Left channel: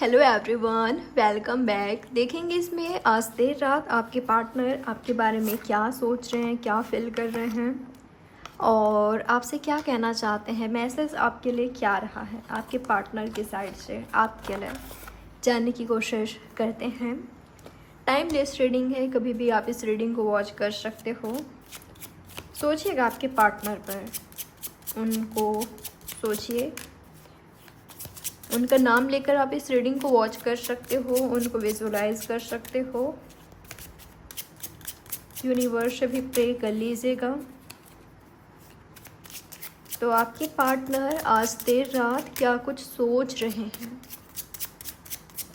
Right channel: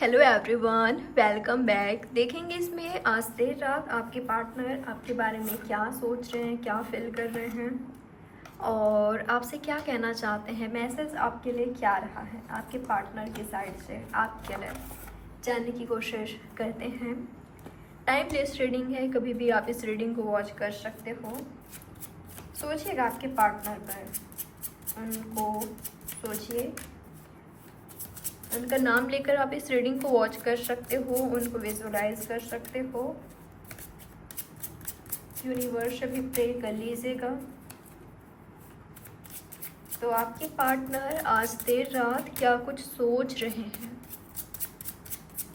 Hello everyone, welcome back. देखेंगे इसमें आज देर रात आपके पार्टनर आपके बारे में क्या सोच रहे हैं, क्या फील कर रहे हैं और आपसे क्या कहना चाहते हैं। मैसेज आपके लिए क्या रहा है आपके पार्टनर की साइड से आपके लिए, जानने की कोशिश करते हैं। टाइमलेस रीडिंग है, कभी भी आप इस रीडिंग को वॉच कर सकते हो। सोचिएगा आपके पार्टनर पर, उनको सोचिए, उनका नाम लेकर आप इस रीडिंग को वॉच कर सकते हो, उनको विजुलाइज कर सकते हो। यूनिवर्स से भी प्रे कर लीजिएगा। तो आपके पार्टनर आज देर रात क्या कुछ सोच रहे हैं,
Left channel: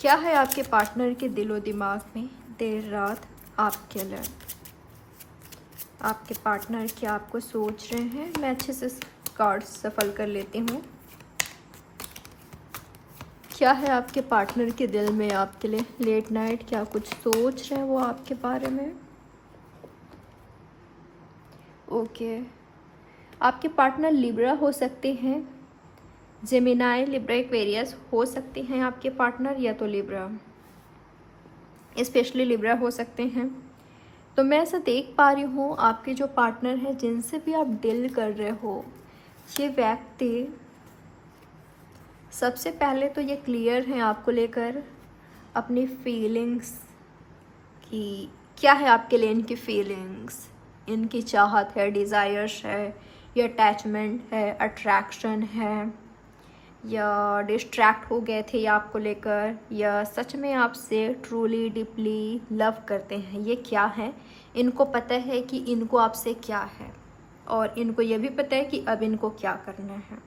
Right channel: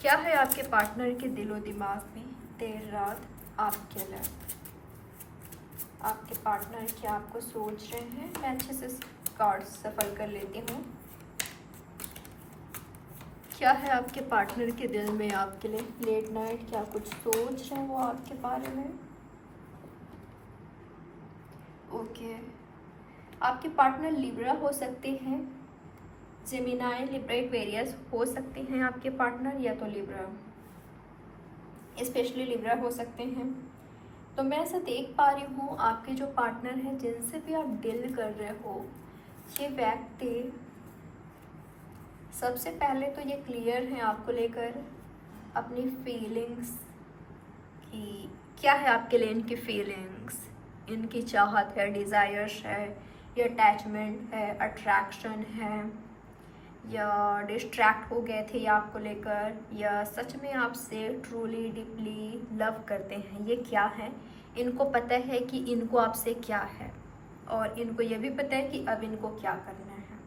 क्या है आपके पार्टनर के दिलो दिमाग में देर रात आपके लिए। आपके पार्टनर क्या आपको सोच रहे हैं। मैं अच्छे से कार्ड सफल कर लेती हूँ। क्या है आपके पार्टनर के दिल में आपके लिए लेट नाइट, क्या कुछ सोच रहे हैं वो आपके बारे में। ओके, आपके पार्टनर लिब्रा हो सकते हैं, जेमिनाई, लिब्रा, एक्वेरियस हो सकते हैं आपके पार्टनर, या तो लिब्रा, स्पेशली लिब्रा हो सकते हैं। तो मैं ऐसा देख पा रही हूँ आपके जो पार्टनर हैं, जिनसे भी आप डील कर रहे हो, ये व्यक्ति सबसे पहले तो ये क्लियर है आपको लेकर अपनी फीलिंग्स की। क्या है आपके लिए इनकी फीलिंग्स, इनकी चाहत है, डिज़ायर्स है, या अटैचमेंट है, अट्रैक्शन है, या डिस्ट्रैक्ट हो गए थे आपको लेकर, या सच में आपसे ट्रूली डीपली लव करते हैं। ये क्या है, इनको पता है कि इनको आपसे क्या है और इनको ये भी पता है कि अब इनको क्या करना है।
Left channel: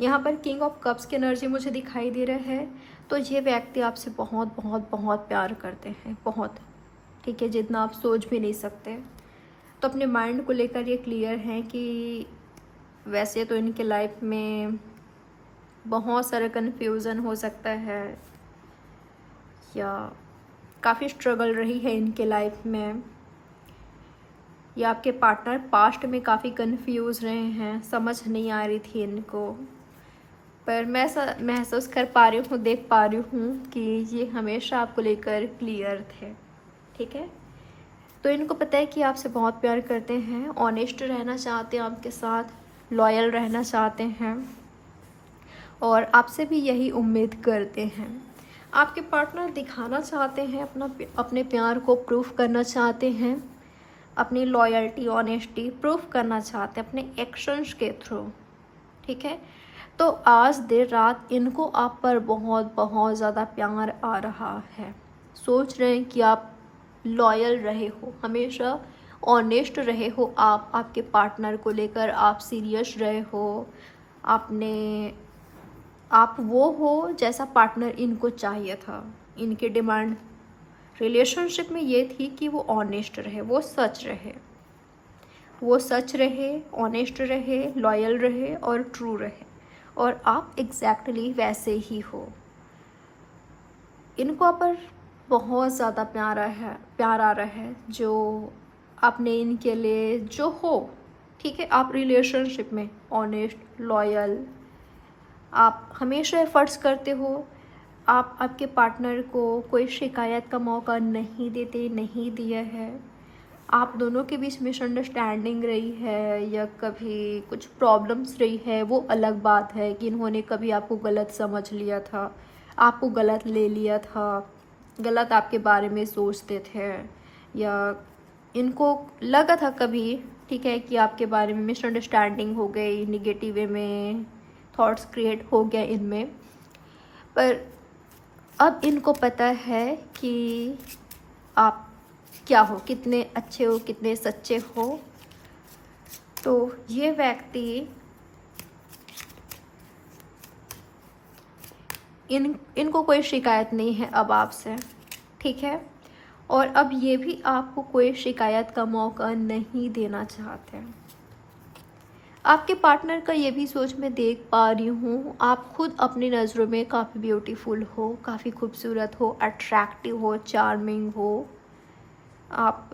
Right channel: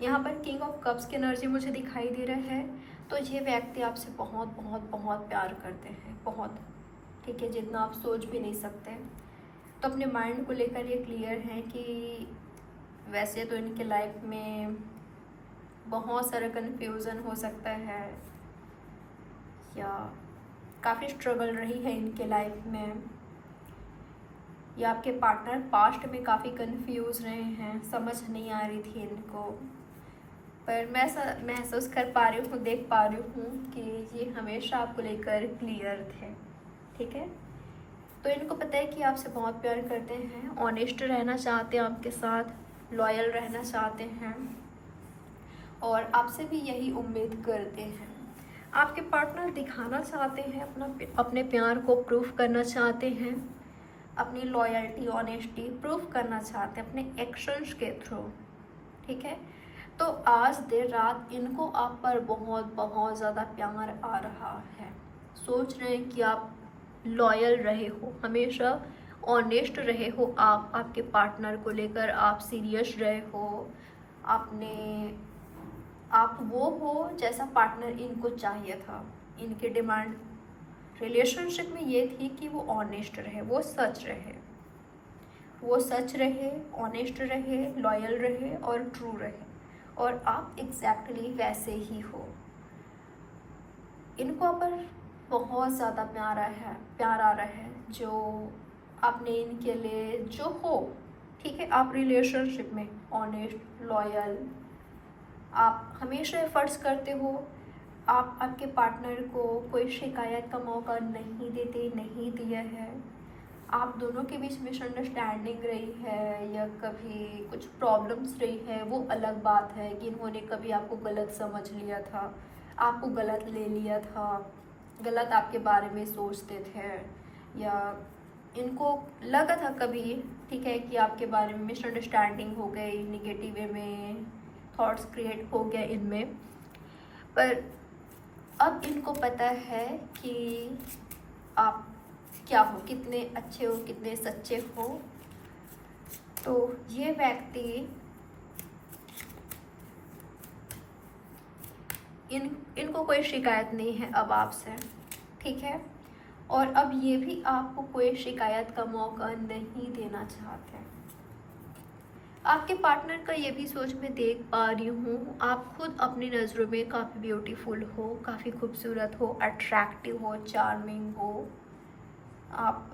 यहाँ पर किंग ऑफ कप्स की एनर्जी मुझे दिखाई दे रहा है। तो ये व्यक्ति आपसे बहुत बहुत बहुत प्यार करते हैं, बहुत, ठीक है, जितना आप सोच भी नहीं सकते। तो अपने माइंड को लेकर ये क्लियर है कि वैसे तो इनके लाइफ में बहुत सारा कन्फ्यूज़न हो सकता है, या काफ़ी स्ट्रगल रही है इनके लाइफ में, या आपके पार्टनर पास्ट में काफ़ी कन्फ्यूज़ रहे हैं, समझ नहीं आ रही थी इनको। पर मैं महसूस कर पा रही हूँ, देख पा रही हूँ कि ये हमेशा आपको लेकर क्लियर थे, ठीक है। तो इनको पता है कि आपसे बहुत प्यार करते हैं, ऑनेस्ट रहना चाहते हैं आपके साथ, लॉयल रहना चाहते हैं और आपसे भी यही उम्मीद करते हैं। आपके पार्टनर दिखाना चाहते हैं अपने प्यार को प्रूफ करना चाहते हैं, अपनी लॉयल्टी, ऑनेस्टी प्रूफ करना चाहते हैं अपने एक्शंस के थ्रू, ठीक है। तो आज देर रात इनको आप पर बहुत बहुत ज़्यादा प्यार आ रहा है। सोच रहे हैं कि आप लॉयल रहे हो, हमेशा ऑनेस्ट रहे हो, आप आपके पार्टनर को लेकर आप सीरियस रहे हो, आप वो हो जैसा पार्टनर इनको चाहिए था। इनकी डिमांड रिलेशनशिप में ये थी कि वो ऑनेस्ट रहे, वो सच रहे, ऑनेस्ट रहे, लॉयल रहे और ट्रू रहे, और आप एग्जैक्टली वैसे ही हो। इनको आप पर बहुत ज़्यादा प्यार आ रहा है जो आपने इनके लिए जो हो, ठीक है। आप रिलेशनशिप में ऑनेस्ट, लॉयल, आप हमेशा एफर्ट्स करते हो, आप आपके पार्टनर को कोई शिकायत का मौका नहीं देते, नहीं दिया है। आप दोनों के बीच मिसअंडरस्टैंडिंग रही है या कभी कुछ प्रॉब्लम्स रही है, वो अलग बात है कि इन्होंने कभी आपको गलत समझ लिया था, आपको गलत ले लिया था, गलत आपके बारे में सोचते थे, या इनको लगा था कभी, ठीक है, कि आपके बारे में मिसअंडरस्टैंडिंग हो गई, निगेटिव वे में थॉट्स क्रिएट हो गए इनमें। पर अब इनको पता है कि आप क्या हो, कितने अच्छे हो, कितने सच्चे हो। तो ये व्यक्ति इनको कोई शिकायत नहीं है अब आपसे, ठीक है, और अब ये भी आपको कोई शिकायत का मौका नहीं देना चाहते। आपके पार्टनर का ये भी सोच मैं देख पा रही हूँ, आप खुद अपनी नज़रों में काफ़ी ब्यूटीफुल हो, काफ़ी खूबसूरत हो, अट्रैक्टिव हो, चार्मिंग हो। आप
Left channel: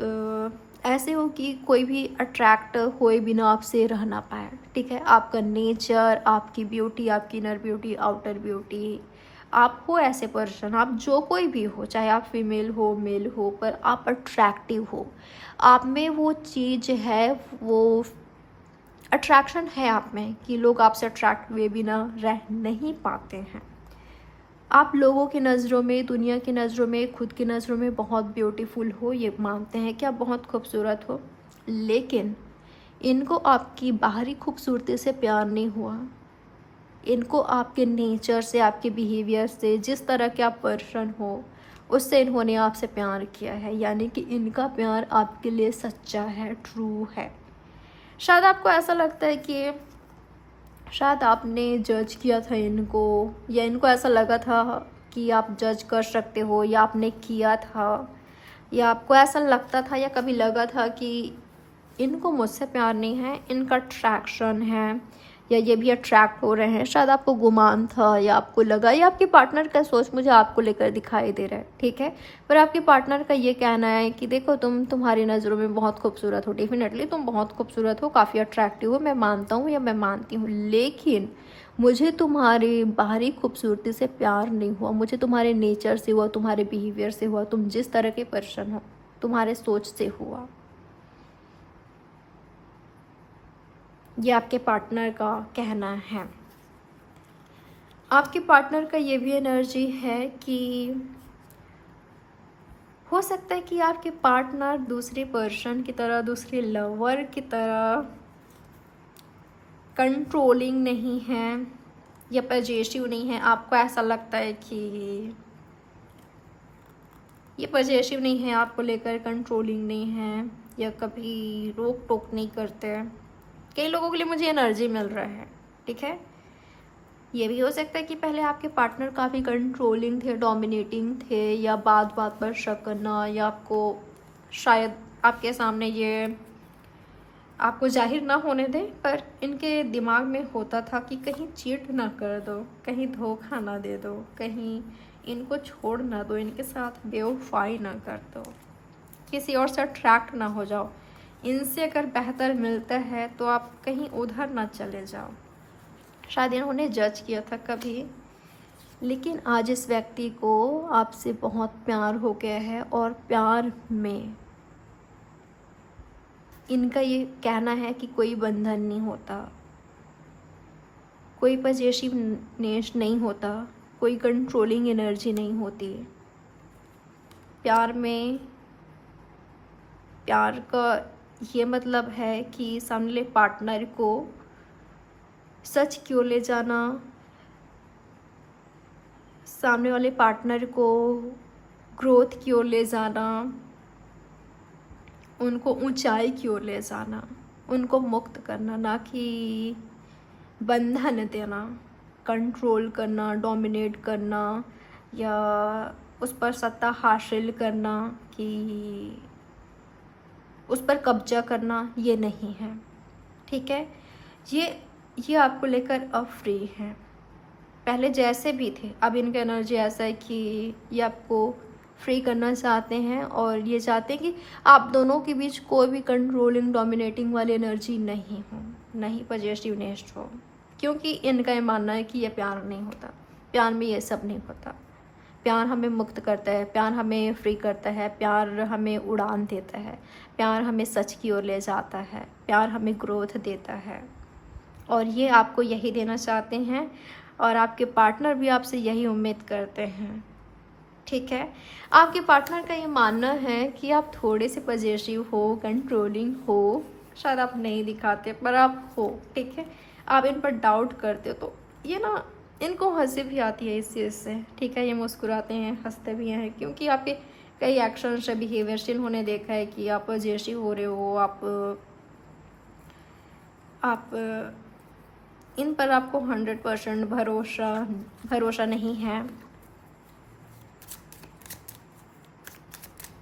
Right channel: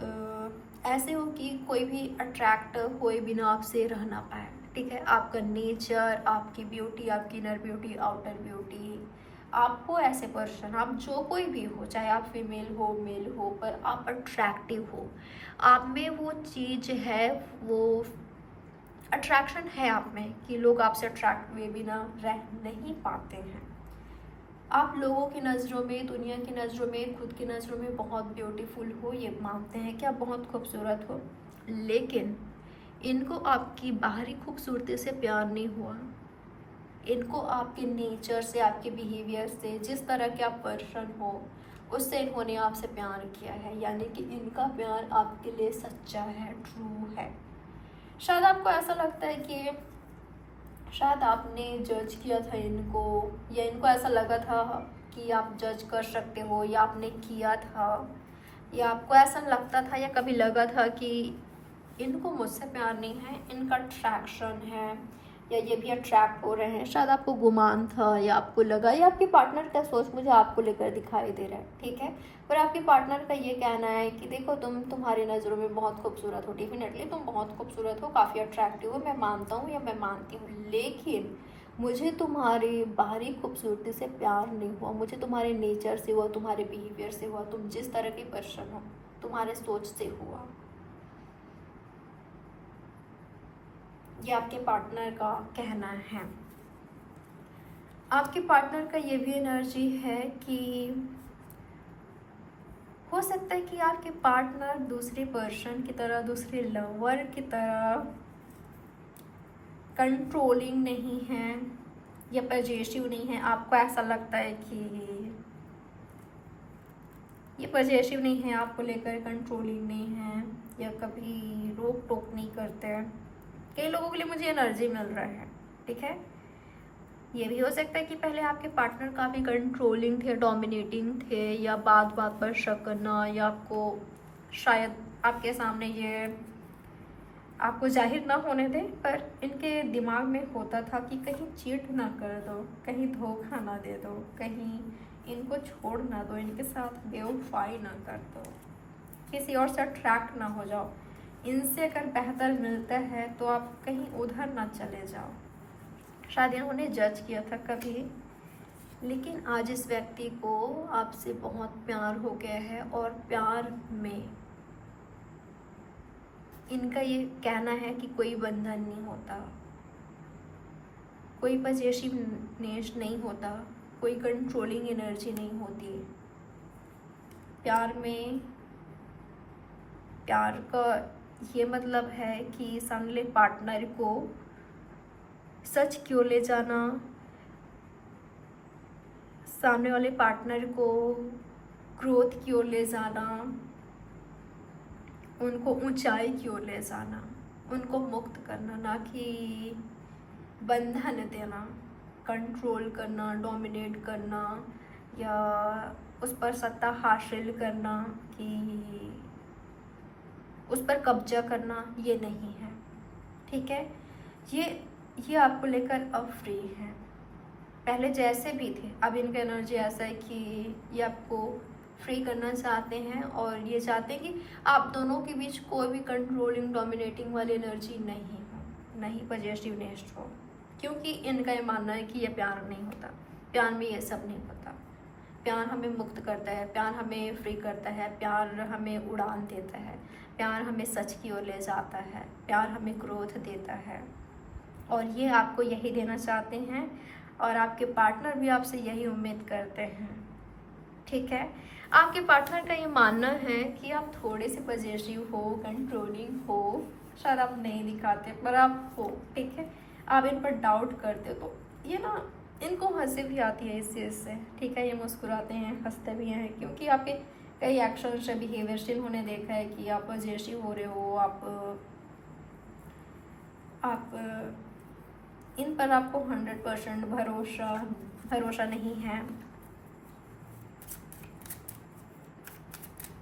ऐसे हो कि कोई भी अट्रैक्ट होए बिना आपसे रह ना पाए, ठीक है। आपका नेचर, आपकी ब्यूटी, आपकी इनर ब्यूटी, आउटर ब्यूटी, आप हो ऐसे पर्सन, आप जो कोई भी हो, चाहे आप फीमेल हो मेल हो, पर आप अट्रैक्टिव हो, आप में वो चीज़ है, वो अट्रैक्शन है आप में कि लोग आपसे अट्रैक्ट हुए बिना रह नहीं पाते हैं। आप लोगों की नज़रों में, दुनिया की नज़रों में, खुद की नज़रों में बहुत ब्यूटीफुल हो, ये मानते हैं कि आप बहुत खूबसूरत हो, लेकिन इनको आपकी बाहरी खूबसूरती से प्यार नहीं हुआ। इनको आपके नेचर से, आपके बिहेवियर से, जिस तरह के आप पर्सन हो, उससे इन्होंने आपसे प्यार किया है। यानी कि इनका प्यार आपके लिए सच्चा है, ट्रू है। शायद आपको ऐसा लगता है कि शायद आपने जज किया था इनको, या इनको ऐसा लगा था कि आप जज कर सकते हो, या आपने किया था, या आपको ऐसा लगता था या कभी लगा था कि इनको मुझसे प्यार नहीं है, इनका अट्रैक्शन है, या ये भी अट्रैक्ट हो रहे हैं। शायद आपको गुमान था, या आपको लगा, या आपके पार्टनर का सोच मुझे आपको लेकर दिखाई दे रहा है, ठीक है। पर आपके पार्टनर का ये कहना है कि देखो, तुम्हारी नज़रों में बहुत खूबसूरत हो, डेफिनेटली तुम बहुत खूबसूरत हो, काफ़ी अट्रैक्टिव हो, मैं मानता हूँ या मैं मानती हूँ, लेकिन मुझे तुम्हारे बाहरी खूबसूरती से प्यार नहीं हुआ, मुझे तुम्हारे नेचर से हुआ, तुम्हारे बिहेवियर से हुआ, तुम जिस तरह के पर्सन हो, तुम्हारे सोच से हुआ। ये आपके पार्टनर का कहना है। आपके पार्टनर का ये भी एनर्जी है कि हो सकता है कि आपके पार्टनर दूसरे पर्सन की तरह, दूसरे लवर की तरह कंट्रोलिंग नहीं है या पजेसिव नहीं है। आपको ऐसा लगता है कि ये पजेसिव नहीं है, आपको लेकर कंट्रोलिंग नहीं है, या कभी रोक टोक नहीं करते हैं। कई लोगों के लिए मुझे एनर्जी मिल रहा है, ठीक है। ये भी हो सकता है कि पहले आपके पार्टनर काफ़ी कंट्रोलिंग थे, डोमिनेटिंग थे, या बात बात पर शक करना, या आपको शायद आपके सामने ये आपको जाहिर ना होने दें, पर इनके दिमाग में होता था कि कहीं चीट ना कर दो, कहीं धोखा ना दे दो, कहीं इनको छोड़ ना दो, इनके साथ बेवफाई ना कर दो, किसी और से अट्रैक्ट ना हो जाओ। इनसे अगर बेहतर मिलता है तो आप कहीं उधर ना चले जाओ। शायद इन्होंने जज किया था कभी, लेकिन आज इस व्यक्ति को आपसे बहुत प्यार हो गया है, और प्यार में इनका ये कहना है कि कोई बंधन नहीं होता, कोई पजेसिवनेस नहीं होता, कोई कंट्रोलिंग एनर्जी नहीं होती। प्यार में, प्यार का ये मतलब है कि सामने वाले पार्टनर को सच क्यों ले जाना, सामने वाले पार्टनर को ग्रोथ क्यों ले जाना, उनको ऊंचाई क्यों ले जाना, उनको मुक्त करना, ना कि बंधन देना, कंट्रोल करना, डोमिनेट करना, या उस पर सत्ता हासिल करना, कि उस पर कब्जा करना, ये नहीं है, ठीक है। ये आपको लेकर अब फ्री है। पहले जैसे भी थे, अब इनका एनर्जी ऐसा है कि ये आपको फ्री करना चाहते हैं, और ये चाहते हैं कि आप दोनों के बीच कोई भी कंट्रोलिंग डोमिनेटिंग वाली एनर्जी नहीं हो, नहीं पजेसिवनेस हो, क्योंकि इनका ये मानना है कि ये प्यार नहीं होता, प्यार में ये सब नहीं होता। प्यार हमें मुक्त करता है, प्यार हमें फ्री करता है, प्यार हमें उड़ान देता है, प्यार हमें सच की ओर ले जाता है, प्यार हमें ग्रोथ देता है, और ये आपको यही देना चाहते हैं, और आपके पार्टनर भी आपसे यही उम्मीद करते हैं, ठीक है। आपके पार्टनर का ये मानना है कि आप थोड़े से पजेसिव हो, कंट्रोलिंग हो, शायद आप नहीं दिखाते पर आप हो, ठीक है। आप इन पर डाउट करते हो, तो ये ना, इनको हंसी भी आती है इस चीज़ से, ठीक है। ये मुस्कुराते हैं, हंसते भी हैं, क्योंकि आपके कई एक्शन से, बिहेवियर से इन्होंने देखा है कि आप पजेसिव हो रहे हो, आप इन पर आपको 100% भरोसा नहीं है,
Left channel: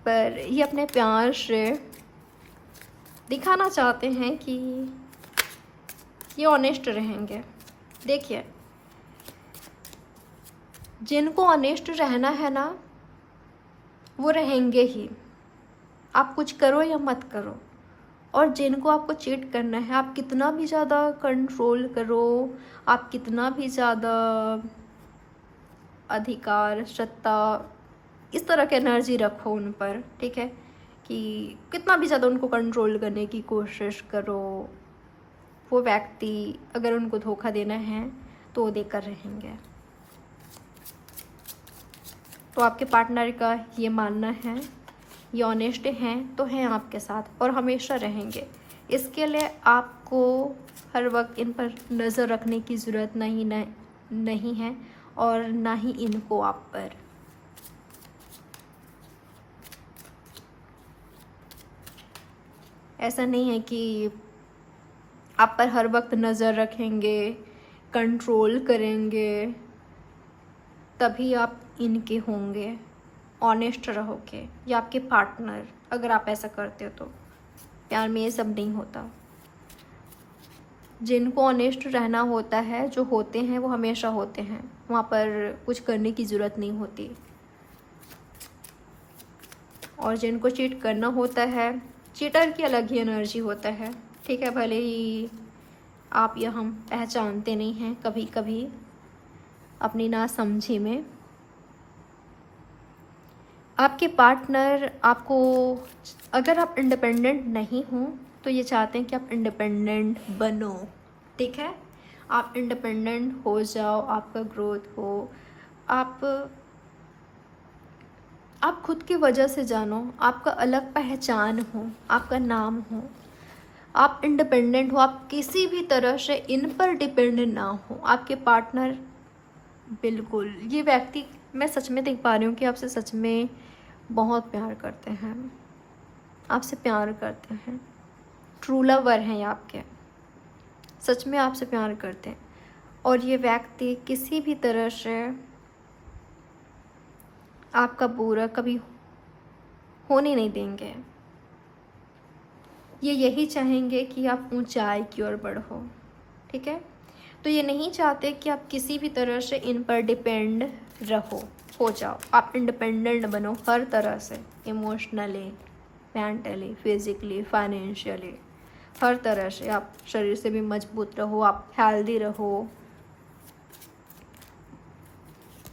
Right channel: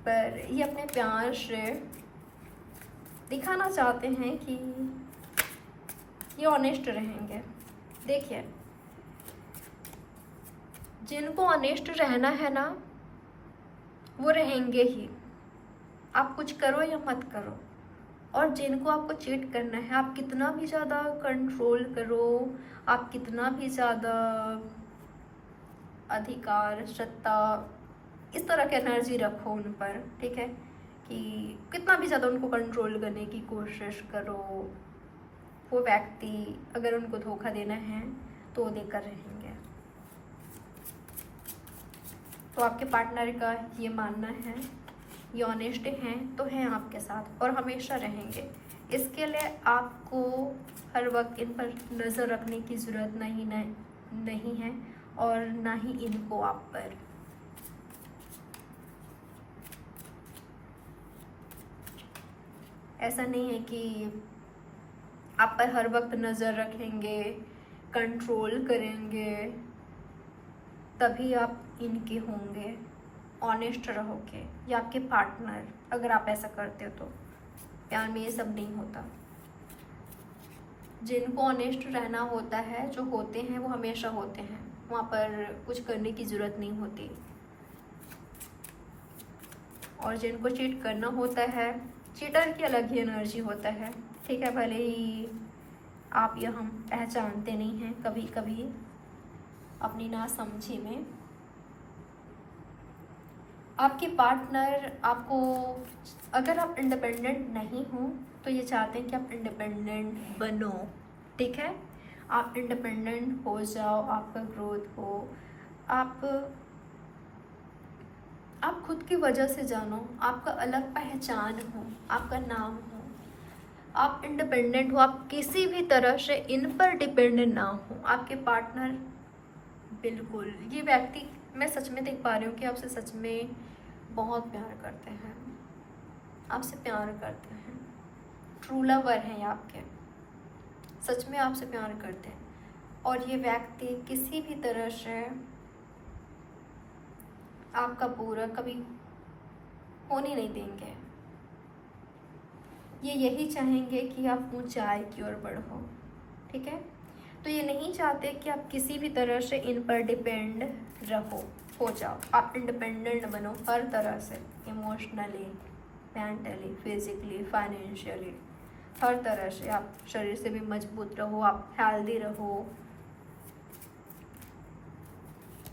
पर ये अपने प्यार से दिखाना चाहते हैं कि ये ऑनेस्ट रहेंगे। देखिए, जिनको ऑनेस्ट रहना है ना, वो रहेंगे ही, आप कुछ करो या मत करो। और जिनको आपको चीट करना है, आप कितना भी ज़्यादा कंट्रोल करो, आप कितना भी ज़्यादा अधिकार, सत्ता, इस तरह की एनर्जी रखो उन पर, ठीक है, कि कितना भी ज़्यादा उनको कंट्रोल करने की कोशिश करो, वो व्यक्ति अगर उनको धोखा देना है तो देकर रहेंगे। तो आपके पार्टनर का ये मानना है, ये ऑनेस्ट हैं तो हैं आपके साथ और हमेशा रहेंगे। इसके लिए आपको हर वक्त इन पर नज़र रखने की ज़रूरत नहीं है और ना ही इनको आप पर। ऐसा नहीं है कि आप पर हर वक्त नज़र रखेंगे, कंट्रोल करेंगे, तभी आप इनके होंगे। ऑनेस्ट रहोगे या आपके पार्टनर, अगर आप ऐसा करते हो तो प्यार में ये सब नहीं होता। जिनको ऑनेस्ट रहना होता है, जो होते हैं वो हमेशा होते हैं, वहाँ पर कुछ करने की ज़रूरत नहीं होती। और जिनको चीट करना होता है, चीटर की अलग ही एनर्जी होता है, ठीक है, भले ही आप या हम पहचानते नहीं हैं कभी कभी अपनी नासमझी में। आपके पार्टनर आपको, अगर आप इंडिपेंडेंट नहीं हो तो ये चाहते हैं कि आप इंडिपेंडेंट बनो, ठीक है, आप इंडिपेंडेंट हो जाओ, आपका ग्रोथ हो, आप खुद की वजह से जानो, आपका अलग पहचान हो, आपका नाम हो, आप इंडिपेंडेंट हो, आप किसी भी तरह से इन पर डिपेंड ना हो। आपके पार्टनर बिल्कुल, ये व्यक्ति मैं सच में देख पा रही हूँ कि आपसे सच में बहुत प्यार करते हैं, आपसे प्यार करते हैं, ट्रू लवर हैं ये आपके, सच में आपसे प्यार करते हैं। और ये व्यक्ति किसी भी तरह से आपका बुरा कभी होने नहीं देंगे। ये यही चाहेंगे कि आप ऊंचाई की ओर बढ़ो, ठीक है। तो ये नहीं चाहते कि आप किसी भी तरह से इन पर डिपेंड हो जाओ। आप इंडिपेंडेंट बनो हर तरह से, इमोशनली, मेंटली, फिजिकली, फाइनेंशियली, हर तरह से। आप शरीर से भी मजबूत रहो, आप हेल्दी रहो,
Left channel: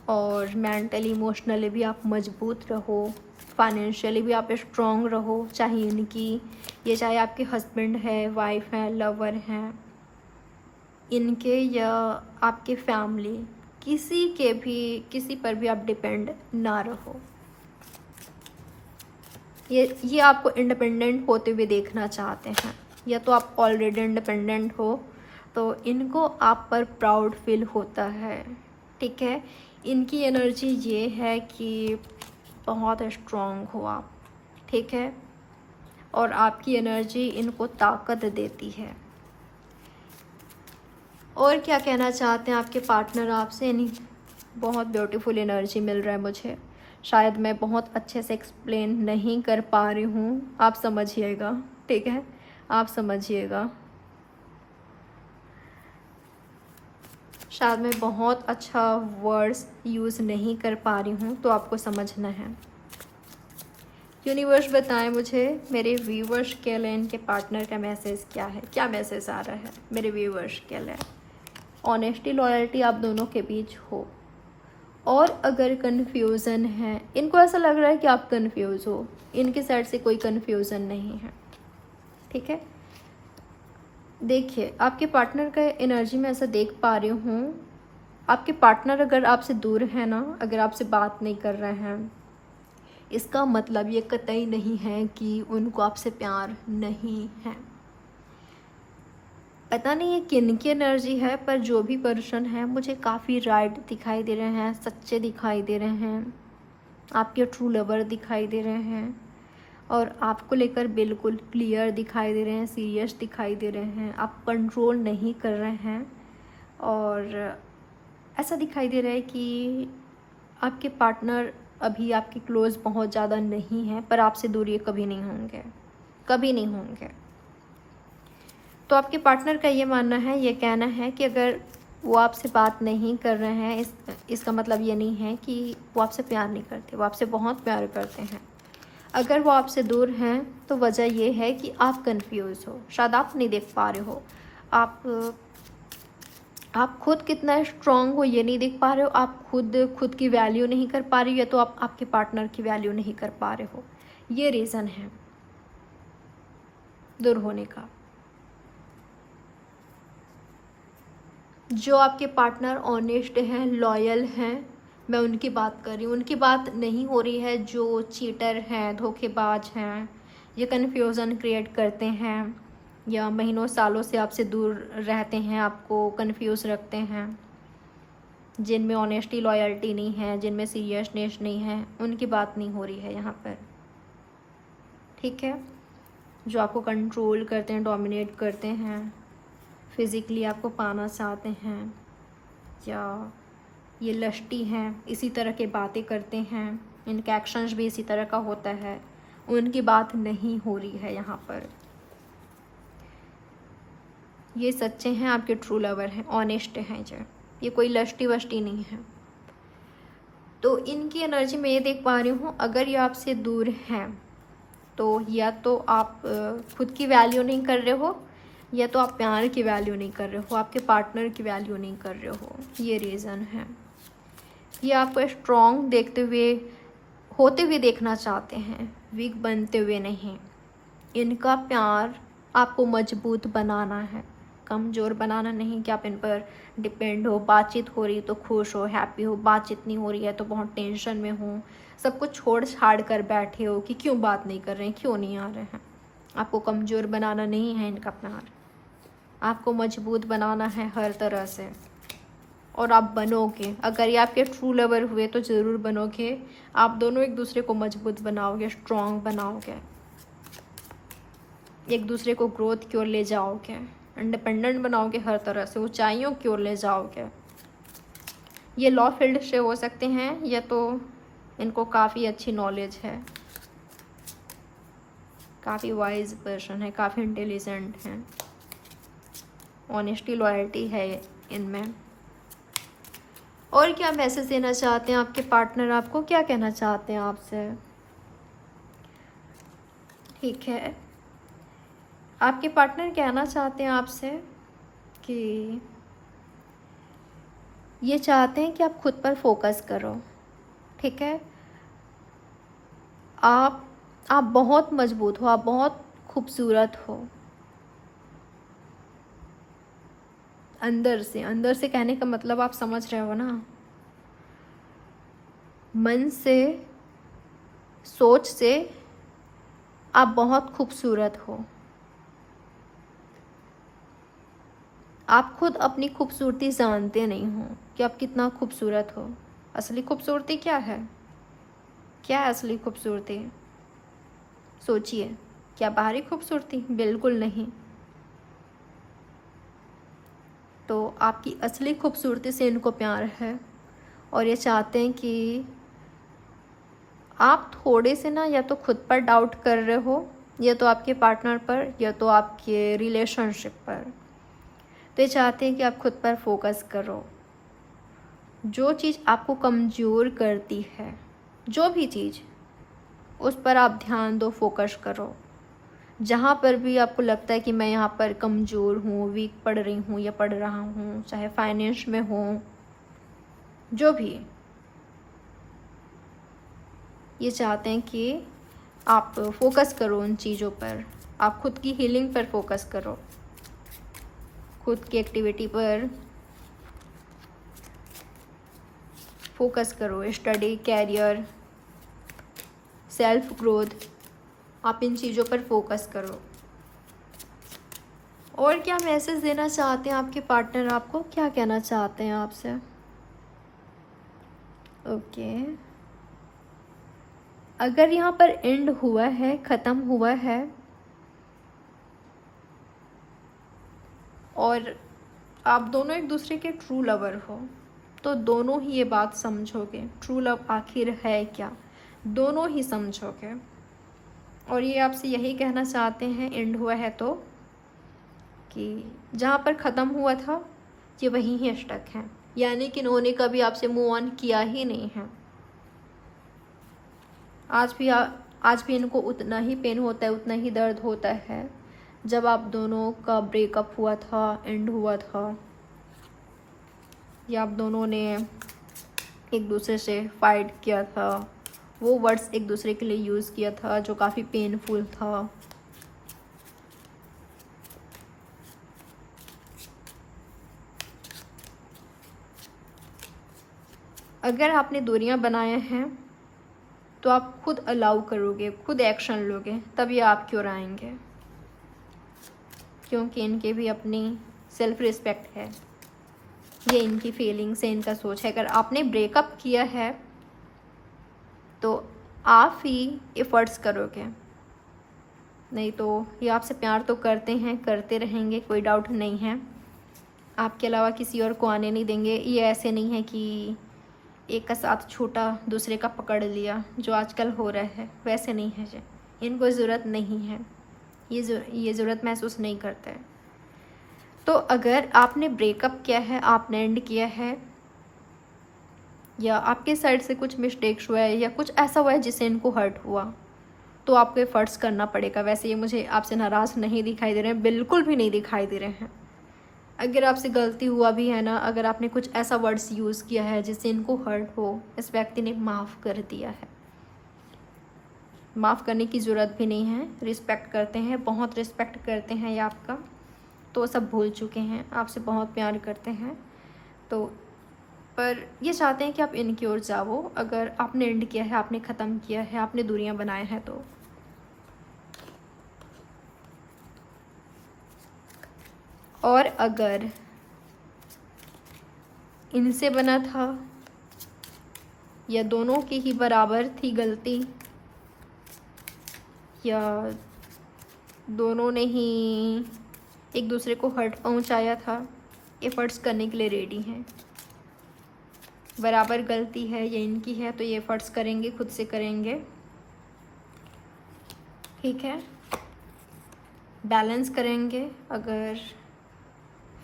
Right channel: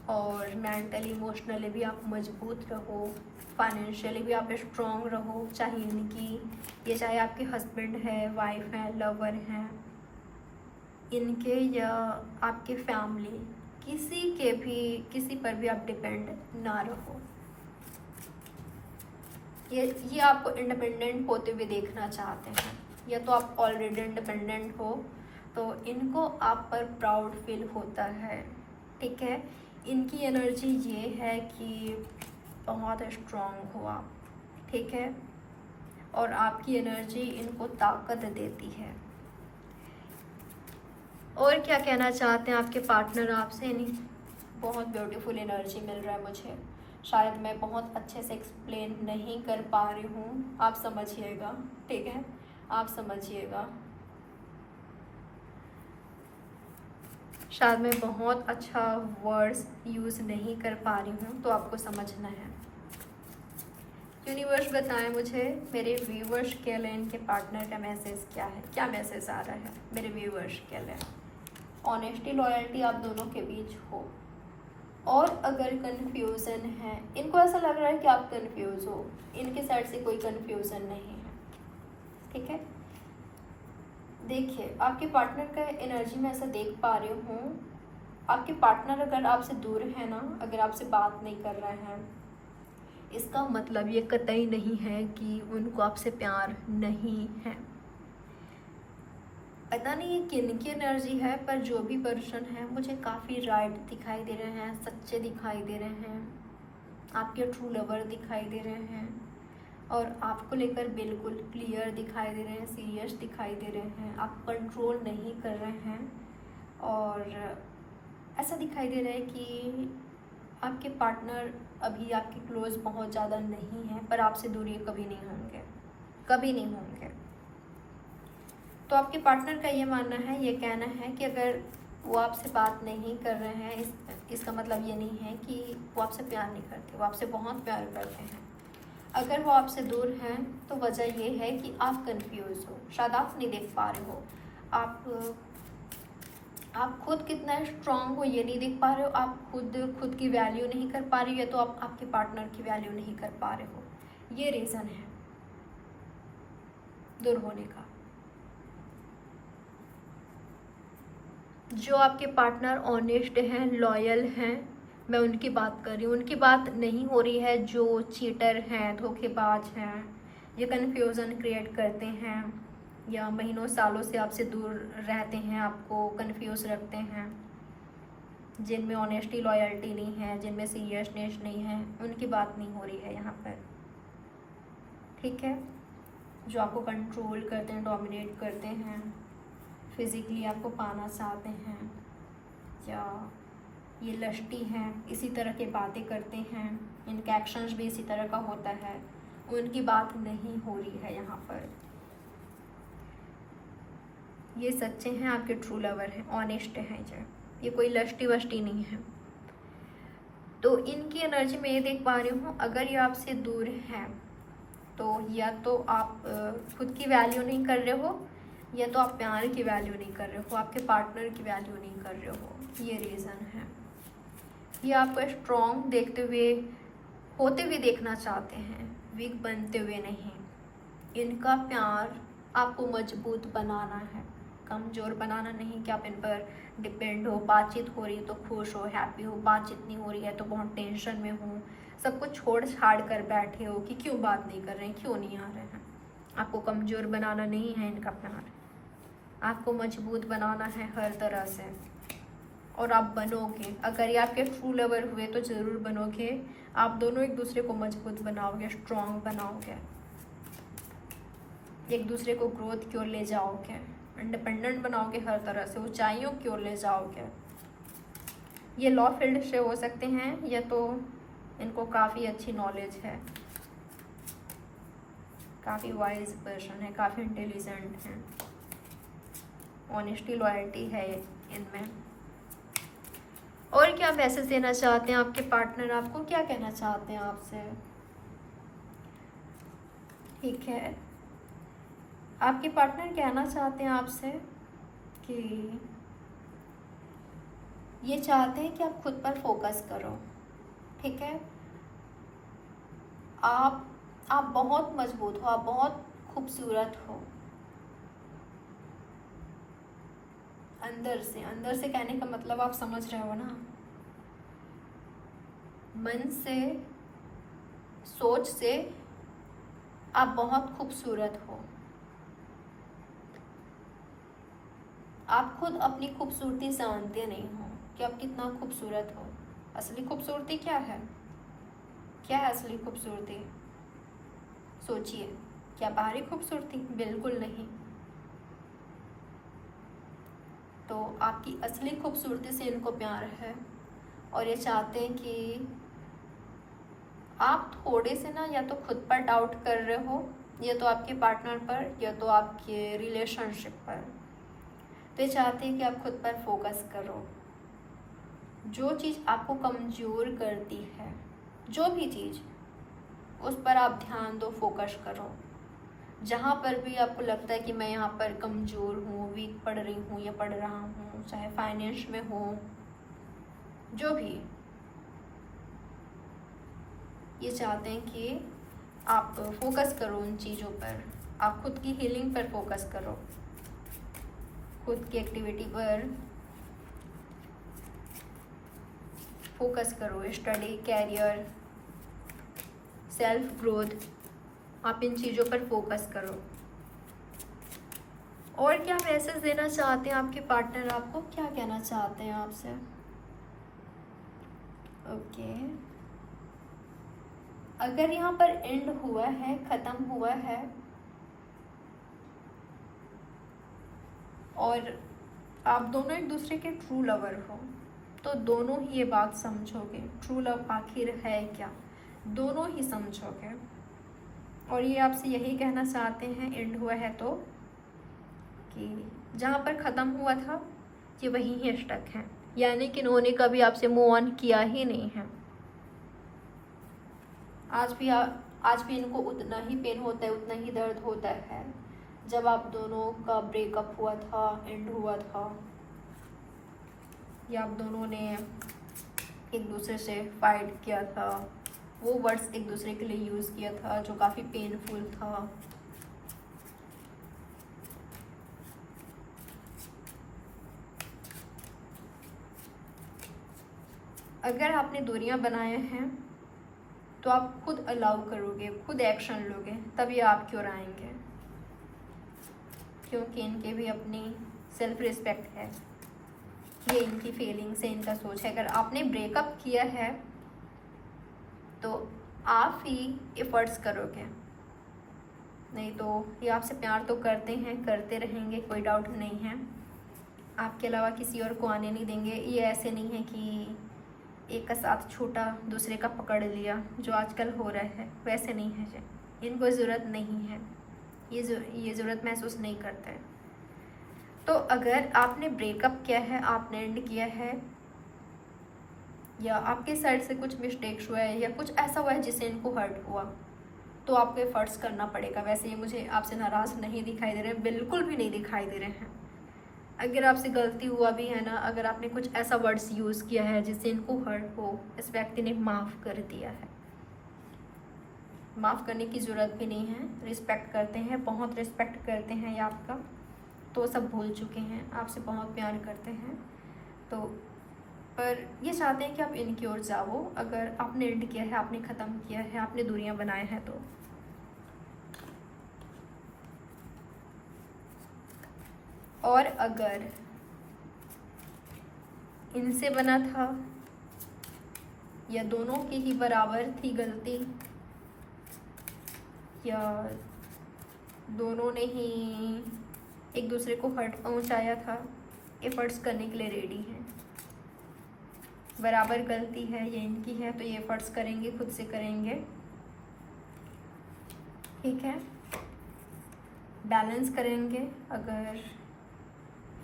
और मेंटली, इमोशनली भी आप मजबूत रहो, फाइनेंशियली भी आप स्ट्रॉन्ग रहो। चाहे आपके हस्बैंड है, वाइफ है, लवर हैं, इनके या आपके फैमिली, किसी पर भी आप डिपेंड ना रहो। ये आपको इंडिपेंडेंट होते हुए देखना चाहते हैं, या तो आप ऑलरेडी इंडिपेंडेंट हो तो इनको आप पर प्राउड फील होता है, ठीक है। इनकी एनर्जी ये है कि बहुत स्ट्रॉन्ग हो आप, ठीक है, और आपकी एनर्जी इनको ताकत देती है। और क्या कहना चाहते हैं आपके पार्टनर आपसे? बहुत ब्यूटीफुल एनर्जी मिल रहा है मुझे, शायद मैं बहुत अच्छे से एक्सप्लेन नहीं कर पा रही हूँ, आप समझिएगा, ठीक है, आप समझिएगा। शायद मैं बहुत अच्छा वर्ड्स यूज़ नहीं कर पा रही हूँ, तो आपको समझना है। यूनिवर्स बताएं मुझे, मेरे व्यूवर्स के लिए इनके पार्टनर का मैसेज क्या है, क्या मैसेज आ रहा है मेरे व्यूवर्स के लिए। ऑनेस्टी, लॉयल्टी आप दोनों के बीच हो, और अगर कन्फ्यूज़न है, इनको ऐसा लग रहा है कि आप कन्फ्यूज़ हो, इनके साइड से कोई कन्फ्यूज़न नहीं है, ठीक है। देखिए, आपके पार्टनर का एनर्जी में ऐसा देख पा रही हूँ, आपके पार्टनर अगर आपसे दूर है ना, अगर आपसे बात नहीं कर रहे हैं, इसका मतलब ये कतई नहीं है कि उनको आपसे प्यार नहीं है। पता नहीं ये किन की एनर्जी है, पर जो भी पर्सन है मुझे काफ़ी राइट दिखाई दे रहे हैं, सच्चे दिखाई दे रहे हैं, आपके ट्रू लवर दिखाई दे रहे हैं, और आपको लेकर बिल्कुल क्लियर दिखाई दे रहे हैं, सीरियस दिखाई दे रहे हैं, आप कंट्रोल नहीं कर रहे हैं। और ऐसा दिखाई दे रहा है कि आपके पार्टनर अभी आपके क्लोज बहुत ज़्यादा नहीं है, पर आपसे दूर ये कभी नहीं होंगे, कभी नहीं होंगे। तो आपके पार्टनर का ये मानना है, ये कहना है कि अगर वो आपसे बात नहीं कर रहे हैं, इसका मतलब ये नहीं है कि वो आपसे प्यार नहीं करते, वो आपसे बहुत प्यार करते हैं। अगर वो आपसे दूर हैं तो वजह ये है कि आप कंफ्यूज हो, शायद आप नहीं देख पा रहे हो, आप आप खुद कितना स्ट्रांग हो ये नहीं देख पा रहे हो, आप खुद की वैल्यू नहीं कर पा रहे हो, या तो आप आपके पार्टनर की वैल्यू नहीं कर पा रहे हो। ये रीज़न है दूर होने का। जो आपके पार्टनर ऑनेस्ट हैं, लॉयल हैं, मैं उनकी बात कर रही हूँ, उनकी बात नहीं हो रही है जो चीटर हैं, धोखेबाज हैं, ये कन्फ्यूज़न क्रिएट करते हैं, या महीनों सालों से आपसे दूर रहते हैं, आपको कंफ्यूज रखते हैं, जिनमें ऑनेस्टी लॉयल्टी नहीं है, जिनमें सीरियसनेस नहीं है, उनकी बात नहीं हो रही है यहाँ पर। ठीक है, जो आपको कंट्रोल करते हैं, डोमिनेट करते हैं, फिज़िकली आपको पाना चाहते हैं, या ये लस्टी हैं, इसी तरह के बातें करते हैं, इनके एक्शंस भी इसी तरह का होता है, उनकी बात नहीं हो रही है यहाँ पर। ये सच्चे हैं, आपके ट्रू लवर हैं, ऑनेस्ट हैं, जो ये कोई लस्टी वस्टी नहीं है। तो इनकी एनर्जी में ये देख पा रही हूँ, अगर ये आपसे दूर हैं तो या तो आप खुद की वैल्यू नहीं कर रहे हो, या तो आप प्यार की वैल्यू नहीं कर रहे हो, आपके पार्टनर की वैल्यू नहीं कर रहे हो। ये रीज़न है। ये आपको स्ट्रॉन्ग देखते हुए, होते हुए देखना चाहते हैं, वीक बनते हुए नहीं। इनका प्यार आपको मजबूत बनाना है, कमज़ोर बनाना नहीं कि आप इन पर डिपेंड हो। बातचीत हो रही तो खुश हो, हैप्पी हो, बातचीत नहीं हो रही है तो बहुत टेंशन में हो, सब कुछ छोड़ छाड़ कर बैठे हो कि क्यों बात नहीं कर रहे हैं, क्यों नहीं आ रहे हैं। आपको कमज़ोर बनाना नहीं है इनका प्यार, आपको मजबूत बनाना है हर तरह से। और आप बनोगे, अगर ये आपके ट्रू लवर हुए तो ज़रूर बनोगे। आप दोनों एक दूसरे को मजबूत बनाओगे, स्ट्रॉन्ग बनाओगे, एक दूसरे को ग्रोथ की ओर ले जाओगे, इंडिपेंडेंट बनाओगे, हर तरह से ऊंचाइयों की ओर ले जाओगे। ये लॉ फील्ड से हो सकते हैं, या तो इनको काफ़ी अच्छी नॉलेज है, काफ़ी वाइज पर्सन है, काफ़ी इंटेलिजेंट हैं, ऑनेस्टी लॉयल्टी है इनमें। और क्या मैसेज देना चाहते हैं आपके पार्टनर, आपको क्या कहना चाहते हैं आपसे? ठीक है, आपके पार्टनर कहना चाहते हैं आपसे कि ये चाहते हैं कि आप खुद पर फोकस करो। ठीक है, आप बहुत मजबूत हो, आप बहुत खूबसूरत हो। अंदर से कहने का मतलब आप समझ रहे हो ना, मन से, सोच से आप बहुत खूबसूरत हो। आप खुद अपनी खूबसूरती जानते नहीं हो कि आप कितना खूबसूरत हो। असली खूबसूरती क्या है? क्या है असली खूबसूरती? सोचिए, क्या बाहरी खूबसूरती? बिल्कुल नहीं। तो आपकी असली खूबसूरती से इनको प्यार है, और ये चाहते हैं कि आप थोड़े से ना, या तो खुद पर डाउट कर रहे हो, या तो आपके पार्टनर पर, या तो आपके रिलेशनशिप पर। तो ये चाहते हैं कि आप खुद पर फोकस करो। जो चीज़ आपको कमज़ोर करती है, जो भी चीज़, उस पर आप ध्यान दो, फोकस करो। जहाँ पर भी आपको लगता है कि मैं यहाँ पर कमज़ोर हूँ, वीक पढ़ रही हूँ या पढ़ रहा हूँ, चाहे फाइनेंस में हो, जो भी, ये चाहते हैं कि आप फोकस करो उन चीज़ों पर। आप खुद की हीलिंग पर फोकस करो, खुद की एक्टिविटी पर फोकस करो, स्टडी, कैरियर, सेल्फ ग्रोथ, आप इन चीज़ों पर फोकस करो। और क्या मैसेज देना चाहते हैं आपके पार्टनर, आपको क्या कहना चाहते हैं आपसे? ओके, अगर यहाँ पर एंड हुआ है, ख़त्म हुआ है, और आप दोनों एक दूसरे के ट्रू लवर हो, तो दोनों ही ये बात समझोगे, ट्रू लव आखिर है क्या, दोनों ही समझोगे। और ये आपसे यही कहना चाहते हैं, एंड हुआ है तो, कि जहाँ पर ख़त्म हुआ था ये वहीं ही स्टक हैं, यानी कि इन्होंने कभी आपसे मूव ऑन किया ही नहीं है। आज भी इनको उतना ही पेन होता है, उतना ही दर्द होता है जब आप दोनों का ब्रेकअप हुआ था, एंड हुआ था। या आप दोनों ने एक दूसरे से फाइट किया था, वो वर्ड्स एक दूसरे के लिए यूज़ किया था जो काफ़ी पेनफुल था। अगर आपने दूरियां बनाए हैं तो आप खुद अलाउ करोगे, खुद एक्शन लोगे, तब ये आपकी ओर आएंगे, क्योंकि इनके भी अपनी सेल्फ रिस्पेक्ट है, ये इनकी फीलिंग्स है, इनका सोच है। अगर आपने ब्रेकअप किया है तो आप ही एफर्ट्स करोगे, नहीं तो ये आपसे प्यार तो करते हैं, करते रहेंगे, कोई डाउट नहीं है। आपके अलावा किसी और को आने नहीं देंगे। ये ऐसे नहीं है कि एक का साथ छूटा दूसरे का पकड़ लिया, जो आजकल हो रहा है, वैसे नहीं है जी। इनको ज़रूरत नहीं है, ये ज़रूरत महसूस नहीं करते। तो अगर आपने ब्रेकअप किया है, आपने एंड किया है, या आपके साइड से कुछ मिस्टेक्स हुआ है या कुछ ऐसा हुआ है जिससे इनको हर्ट हुआ, तो आपको एफर्ट्स करना पड़ेगा। वैसे ये मुझे आपसे नाराज़ नहीं दिखाई दे रहे हैं, बिल्कुल भी नहीं दिखाई दे रहे हैं। अगर आपसे गलती हुआ भी है ना, अगर आपने कुछ ऐसा वर्ड्स यूज़ किया है जिससे इनको हर्ट हो, इस व्यक्ति ने माफ़ कर दिया है। माफ़ करने की ज़रूरत भी नहीं है, रिस्पेक्ट करते हैं, बहुत रिस्पेक्ट करते हैं ये आपका, तो सब भूल चुके हैं, आपसे बहुत प्यार करते हैं। तो पर ये चाहते हैं कि आप इनकी ओर जाओ। अगर आपने एंड किया है, आपने ख़त्म किया है, आपने दूरियां बनाए हैं, तो और अगर इनसे बना था या दोनों की ही बराबर थी गलती, या दोनों ने ही एक दूसरे को हर्ट पहुंचाया था, एफर्ट्स करने के लिए रेडी हैं। बराबर गलती है ये इनकी है, तो ये एफर्ट्स करेंगे, खुद से करेंगे, ठीक है, बैलेंस करेंगे। अगर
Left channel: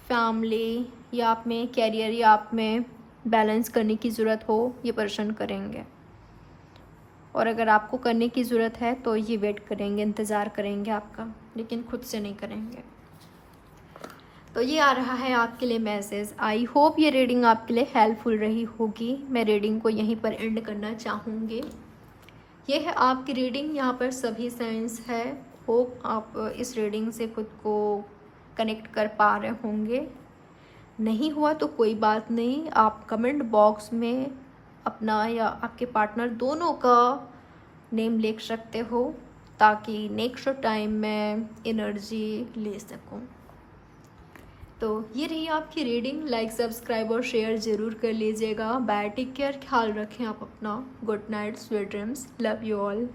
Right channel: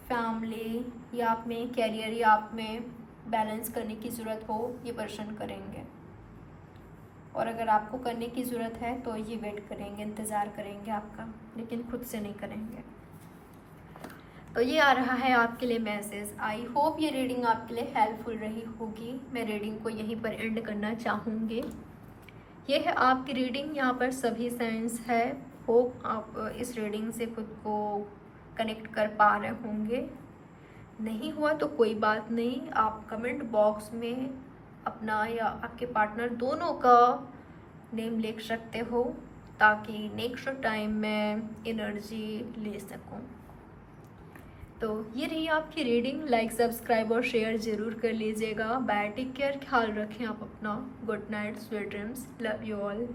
फैमिली या आप में, कैरियर या आप में बैलेंस करने की ज़रूरत हो, ये पर्सन करेंगे। और अगर आपको करने की ज़रूरत है तो ये वेट करेंगे, इंतज़ार करेंगे आपका, लेकिन खुद से नहीं करेंगे। तो ये आ रहा है आपके लिए मैसेज। आई होप ये रीडिंग आपके लिए हेल्पफुल रही होगी। मैं रीडिंग को यहीं पर एंड करना चाहूँगी। ये है आपकी रीडिंग, यहाँ पर सभी साइंस है। होप आप इस रीडिंग से खुद को कनेक्ट कर पा रहे होंगे। नहीं हुआ तो कोई बात नहीं, आप कमेंट बॉक्स में अपना या आपके पार्टनर दोनों का नेम लिख सकते हो, ताकि नेक्स्ट टाइम मैं एनर्जी ले सकूं। तो ये रही आपकी रीडिंग। लाइक, सब्सक्राइब और शेयर ज़रूर कर लीजिएगा। बाय, टेक केयर, ख्याल रखें आप अपना। Good night, sweet dreams, love you all.